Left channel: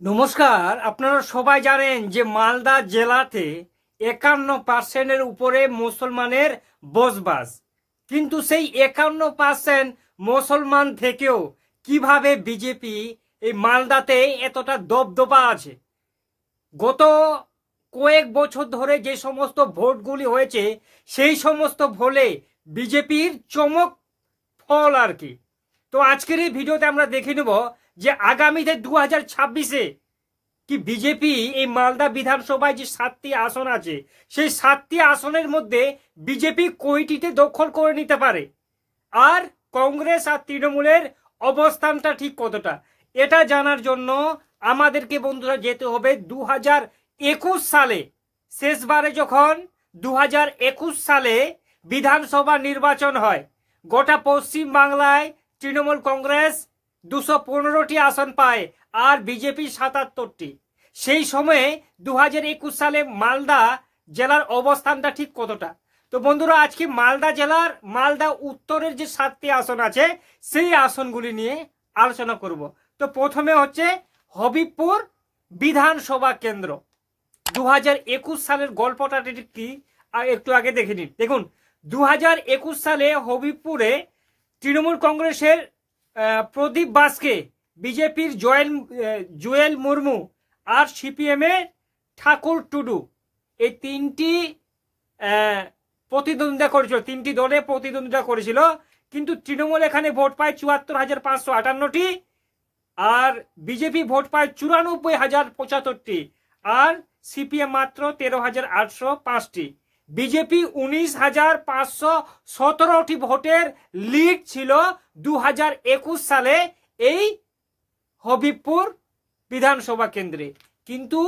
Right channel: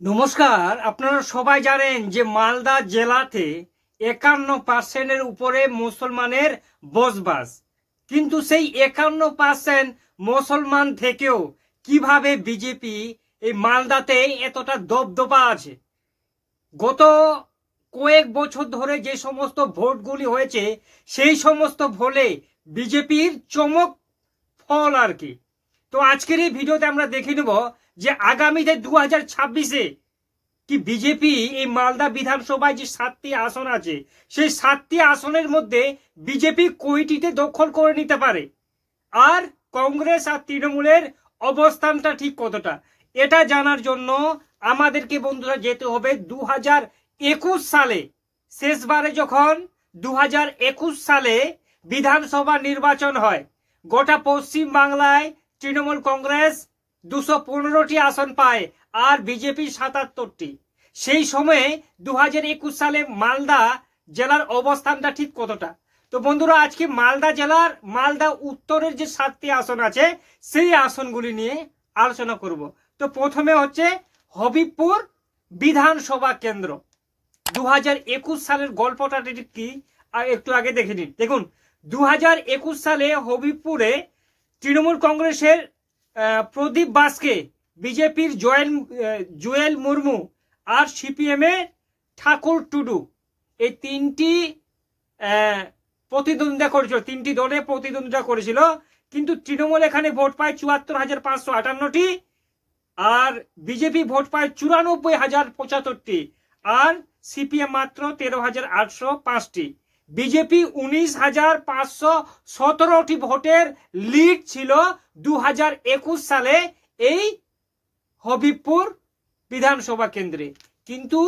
নমস্কার। আপনারা সবাই জানেন যে মালদা জেলাতে 51% উপরে মুসলমানের বসবাস, কিন্তু সেই 51% মুসলমান থেকেও কিভাবে বিজেপি এই মালদাতে এতটা দবদবা আছে। গত কয়েক বছর ধরে যে সমস্ত ভোটগুলি হয়েছে সেই সমস্ত ভোটে বিজেপির চমক ফল আর কি। তো আজকের এই ভিডিওতে আমরা দেখে নেব যে আগামীতে 2026-এ কি বিজেপি এই মালদা বিধানসভায় যে 7টি আসন আছে সেই 7টি আসনের মধ্যে বিজেপি কয়টিতে দখল করে নিতে পারে, আর কংগ্রেস আর তৃণমূলের অবস্থানটা ঠিক কতটা, এটা জানার জন্য আমাদেরকে বন্ধুরা যেতে হবে 2021 সালে। শেষবারে যখন 2021 সালে বিধানসভা নির্বাচন হয়, গোটা পশ্চিম বাংলায় তৃণমূল কংগ্রেস 215টি আসন পায় আর বিজেপি 77টি। সেই সময়ে 2021 সালে মালদা জেলার অবস্থানটা ঠিক কতটা। তো বন্ধুরা আজকে মালদা জেলার মালদা উত্তরের যে 7টি আসন আছে সেই আসনগুলি নিয়ে আলোচনা করব। তো প্রথমে হচ্ছে হবিবপুর বিধানসভা কেন্দ্র। 2021 সালের গল্পটা কি আর একটু আগে দেখে নিন। দেখুন 2021 সালে হবিবপুরে তৃণমূল কংগ্রেসের প্রদীপ বাসকে, বিজেপির জুয়েল মুর্মু আর সিপিএম এর ঠাকুর টুডু, এই তিনটি প্রতিদ্বন্দ্বিতা করেছিল, তিনটি দলে প্রতিদ্বন্দ্বিতা করেছিল। কিন্তু তৃণমূল এখানে ভোট পায় 74,558টি আর বিজেপি ভোট পায় 94,075টি আর সিপিএম মাত্র 13,805টি। বিজেপি 19,517টি ভোটের লিড ছিল 2021 সালে এই হবিবপুর বিধানসভা কেন্দ্রে। কিন্তু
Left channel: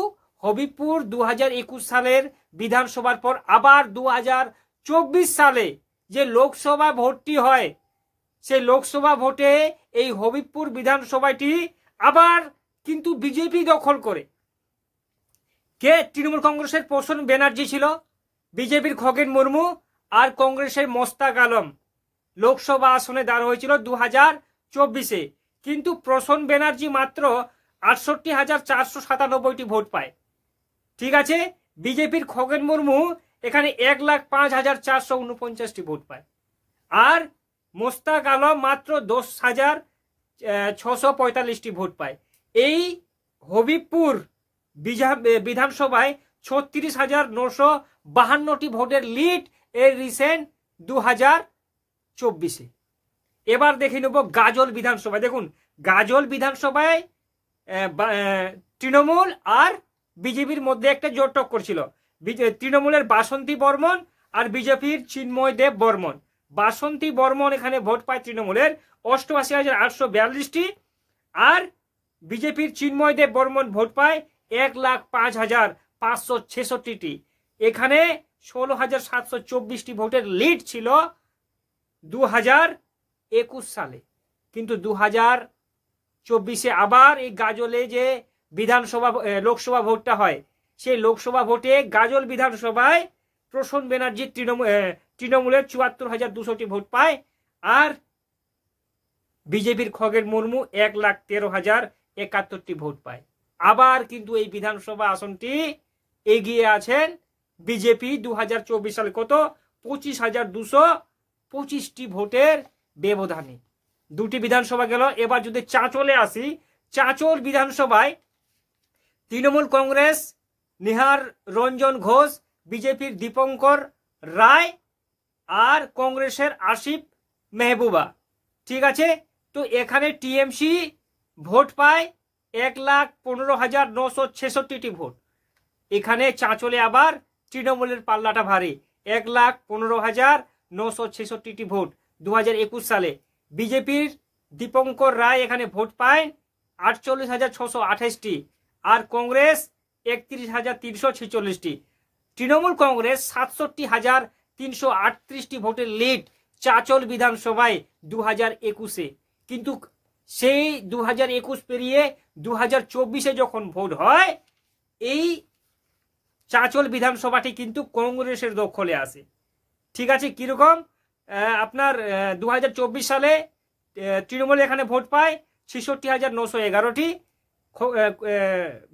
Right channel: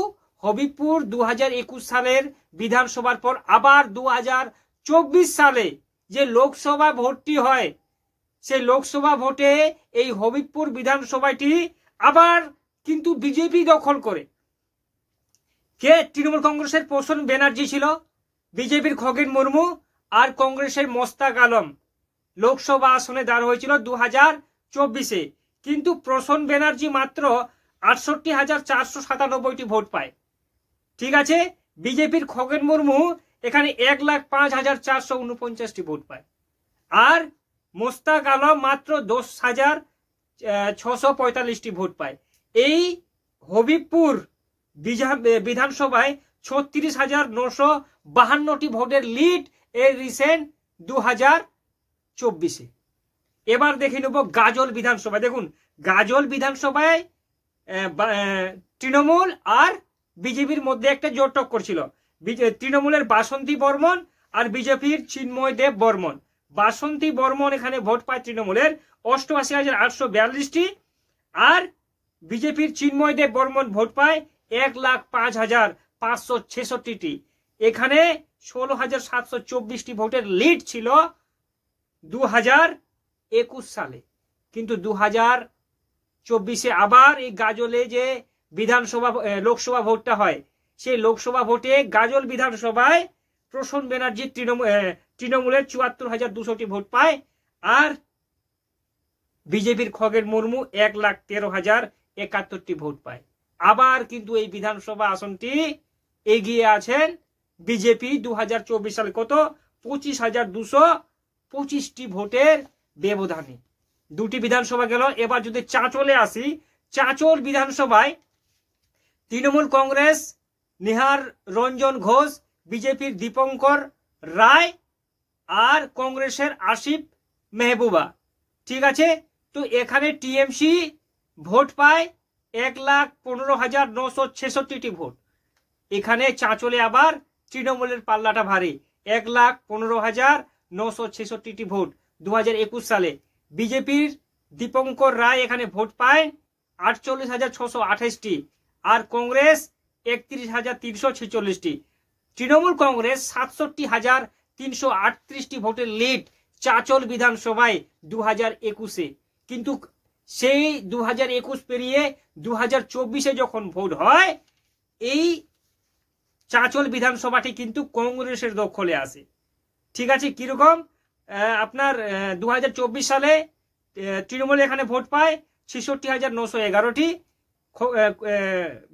হবিবপুর 2021 সালের বিধানসভার পর আবার 2024 সালে যে লোকসভা ভোটটি হয়, সেই লোকসভা ভোটে এই হবিবপুর বিধানসভাটি আবার কিন্তু বিজেপি দখল করে। কে? তৃণমূল কংগ্রেসের প্রসন্ন ব্যানার্জি ছিল, বিজেপির খগেন মুর্মু আর কংগ্রেসের মোস্তাক আলম লোকসভা আসনে দাঁড় হয়েছিল 2024-এ। কিন্তু প্রসন্ন ব্যানার্জি মাত্র 68,497টি ভোট পায়। ঠিক আছে, বিজেপির খগেন মুর্মু এখানে 1,05,449টি ভোট পায় আর মোস্তাক আলম মাত্র 10,645টি ভোট পায়। এই হবিবপুর বিধানসভায় 36,952টি ভোটের লিড এর রিসেন্ট 2024-এ। এবার দেখে নেব গাজল বিধানসভা। দেখুন গাজল বিধানসভায় তৃণমূল আর বিজেপির মধ্যে একটা জোট টক্কর ছিল। তৃণমূলের বাসন্তী বর্মন আর বিজেপির চিন্ময় দেব বর্মন। বাসন্তী বর্মন এখানে ভোট পায় তৃণমূলের 88,842টি আর বিজেপির চিন্ময় দেব বর্মন ভোট পায় 1,05,566টি। এখানে 16,724টি ভোটের লিড ছিল 2021 সালে। কিন্তু 2024-এ আবার এই গাজলে যে বিধানসভা লোকসভা ভোটটা হয়, সেই লোকসভা ভোটে গাজল বিধানসভায় প্রসন্ন ব্যানার্জি তৃণমূলের 74,200টি ভোট পায় আর বিজেপির খগেন মুর্মু 1,13,071টি ভোট পায়। আবার কিন্তু এই বিধানসভা আসনটি এগিয়ে আছেন বিজেপি 2024 সালে কত 25,225টি ভোটের ব্যবধানে। দুটি বিধানসভা গেল। এবার যদি চাঁচলে আসি, চাঁচল বিধানসভায় তৃণমূল কংগ্রেস নিহার রঞ্জন ঘোষ, বিজেপির দীপঙ্কর রায় আর কংগ্রেসের আসিফ মেহবুবা। ঠিক আছে, তো এখানে টিএমসি ভোট পায় 1,15,966টি ভোট। এখানে চাঁচলে আবার তৃণমূলের পাল্লাটা ভারী, 1,15,966টি ভোট 2021 সালে। বিজেপির দীপঙ্কর রায় এখানে ভোট পায় 48,628টি আর কংগ্রেস 31,346টি। তৃণমূল কংগ্রেস 67,338টি ভোটের লিড চাঁচল বিধানসভায় 2021-এ। কিন্তু সেই 2021 পেরিয়ে 2024-এ যখন ভোট হয়, এই চাঁচল বিধানসভাটি কিন্তু কংগ্রেসের দখলে আসে। ঠিক আছে, কিরকম? আপনার 2024 সালে তৃণমূল এখানে ভোট পায় 66,911টি,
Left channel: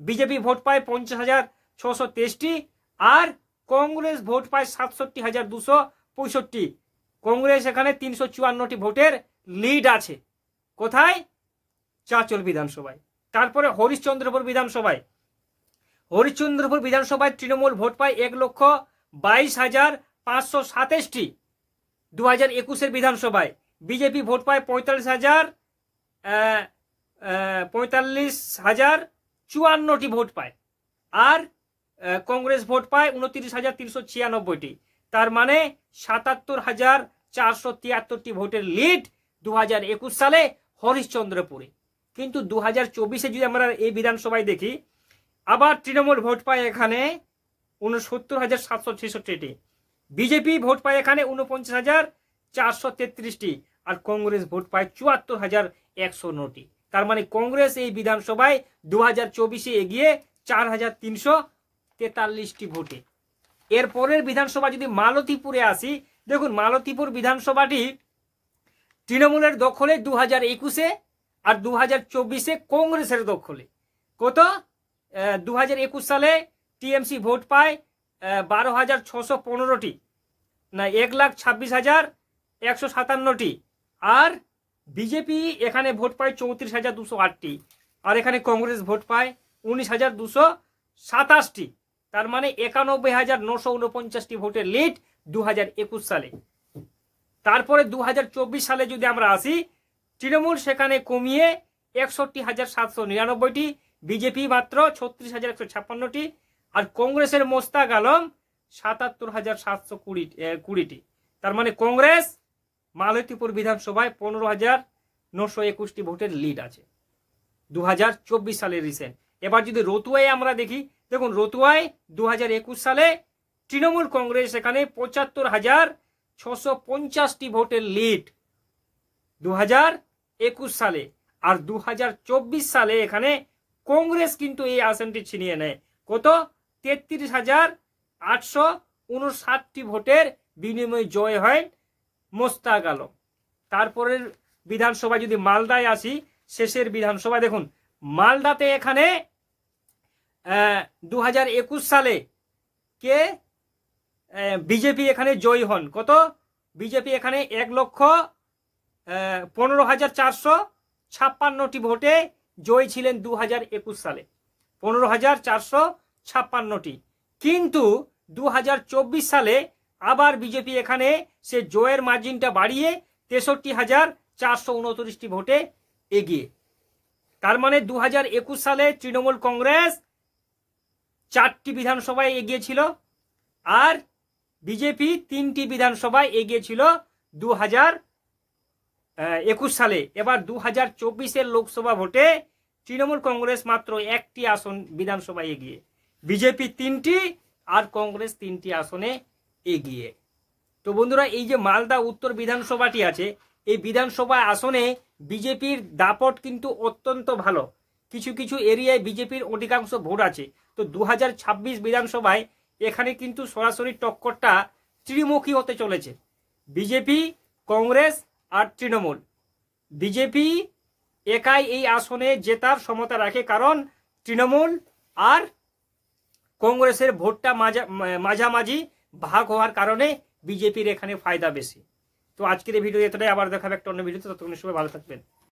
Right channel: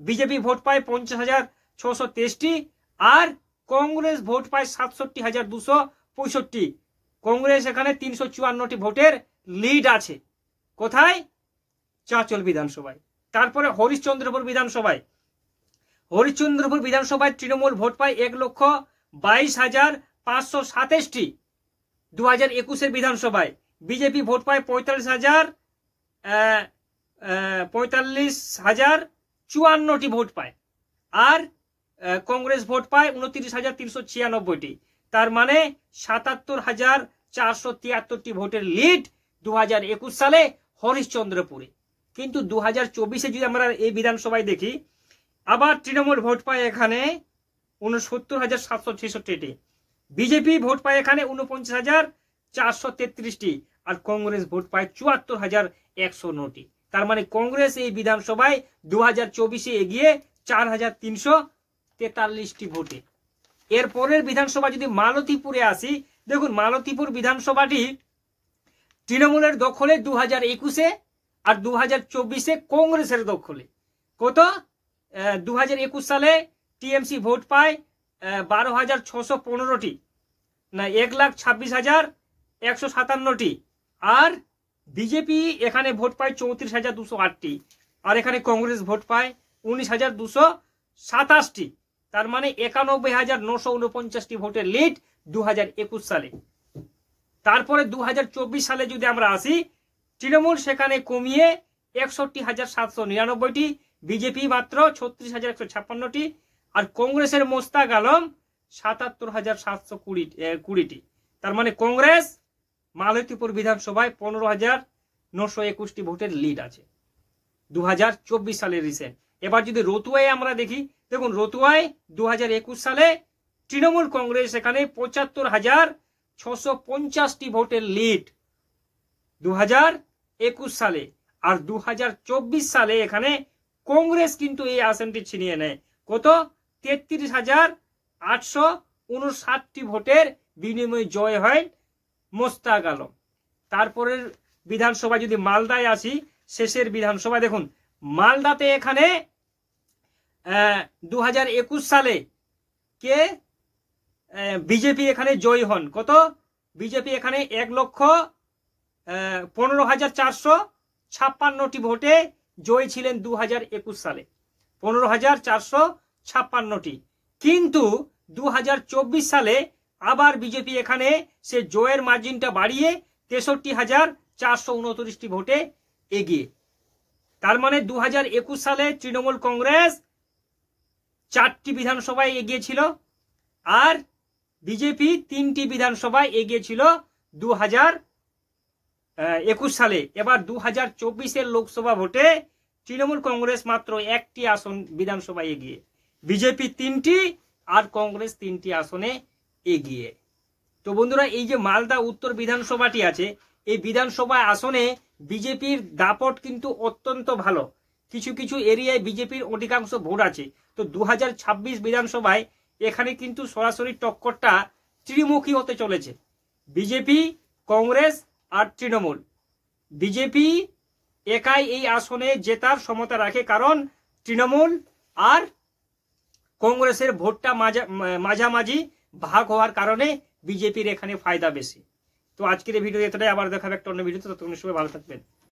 বিজেপি ভোট পায় 50,623টি আর কংগ্রেস ভোট পায় 67,265। কংগ্রেস এখানে 354টি ভোটের লিড আছে। কোথায়? চাঁচল বিধানসভায়। তারপরে হরিশ্চন্দ্রপুর বিধানসভায়, হরিশ্চন্দ্রপুর বিধানসভায় তৃণমূল ভোট পায় 1,22,527টি 2021-এর বিধানসভায়। বিজেপি ভোট পায় 45,054টি ভোট পায় আর কংগ্রেস ভোট পায় 29,396টি। তার মানে 77,473টি ভোটের লিড 2021 সালে হরিশ্চন্দ্রপুরে। কিন্তু 2024-এ যদি আমরা এই বিধানসভায় দেখি, আবার তৃণমূল ভোট পায় এখানে 69,766টি, বিজেপি ভোট পায় এখানে 49,433টি আর কংগ্রেস ভোট পায় 74,109টি। তার মানে কংগ্রেস এই বিধানসভায় 2024-এ এগিয়ে 4,343টি ভোটে। এরপরের বিধানসভা যদি মালতীপুরে আসি, দেখুন মালতীপুর বিধানসভাটি তৃণমূলের দখলে 2021-এ আর 2024-এ কংগ্রেসের দখলে। কত? 2021 সালে টিএমসি ভোট পায় 12,615টি, না 1,26,157টি আর বিজেপি এখানে ভোট পায় 34,208টি আর এখানে কংগ্রেস ভোট পায় 19,227টি। তার মানে 91,949টি ভোটের লিড 2021 সালে। তারপরে 2024 সালে যদি আমরা আসি, তৃণমূল সেখানে কমিয়ে 61,799টি, বিজেপি মাত্র 36,156টি আর কংগ্রেসের মোস্তাক আলম 77,720টি। তার মানে কংগ্রেস মালতীপুর বিধানসভায় 15,921টি ভোটের লিড আছে 2024 সালের রিসেন্ট। এবার যদি রতুয়ায় আমরা দেখি, দেখুন রতুয়ায় 2021 সালে তৃণমূল কংগ্রেস এখানে 75,650টি ভোটের লিড 2021 সালে আর 2024 সালে এখানে কংগ্রেস কিন্তু এই আসনটি ছিনিয়ে নেয়। কত? 33,859টি ভোটের বিনিময়ে জয় হয় মোস্তাক আলম। তারপরের বিধানসভা যদি মালদায় আসি, শেষের বিধানসভা, দেখুন মালদাতে এখানে 2021 সালে কে বিজেপি এখানে জয়ী হন। কত? বিজেপি এখানে 1,15,456টি ভোটে জয়ী ছিলেন 2021 সালে, 15,456টি। কিন্তু 2024 সালে আবার বিজেপি এখানে সে জয়ের মার্জিনটা বাড়িয়ে 63,429টি ভোটে এগিয়ে। তার মানে 2021 সালে তৃণমূল কংগ্রেস 4টি বিধানসভায় এগিয়েছিল আর বিজেপি 3টি বিধানসভায় এগিয়েছিল 2021 সালে। এবার 2024-এর লোকসভা ভোটে তৃণমূল কংগ্রেস মাত্র 1টি আসন বিধানসভায় এগিয়ে, বিজেপি 3টি আর কংগ্রেস 3টি আসনে এগিয়ে। তো বন্ধুরা, এই যে মালদা উত্তর বিধানসভাটি আছে, এই বিধানসভা আসনে বিজেপির দাপট কিন্তু অত্যন্ত ভালো। কিছু কিছু এরিয়ায় বিজেপির অধিকাংশ ভোট আছে। তো 2026 বিধানসভায় এখানে কিন্তু সরাসরি টক্করটা ত্রিমুখী হতে চলেছে, বিজেপি, কংগ্রেস আর তৃণমূল। বিজেপি একাই এই আসনে জেতার ক্ষমতা রাখে, কারণ তৃণমূল আর কংগ্রেসের ভোটটা মাঝামাঝি ভাগ হওয়ার কারণে বিজেপির এখানে ফায়দা বেশি। তো আজকের এই ভিডিও এতটাই, আবার দেখাবে একটা অন্য ভিডিওতে। ততক্ষণ সবাই ভালো থাকবেন।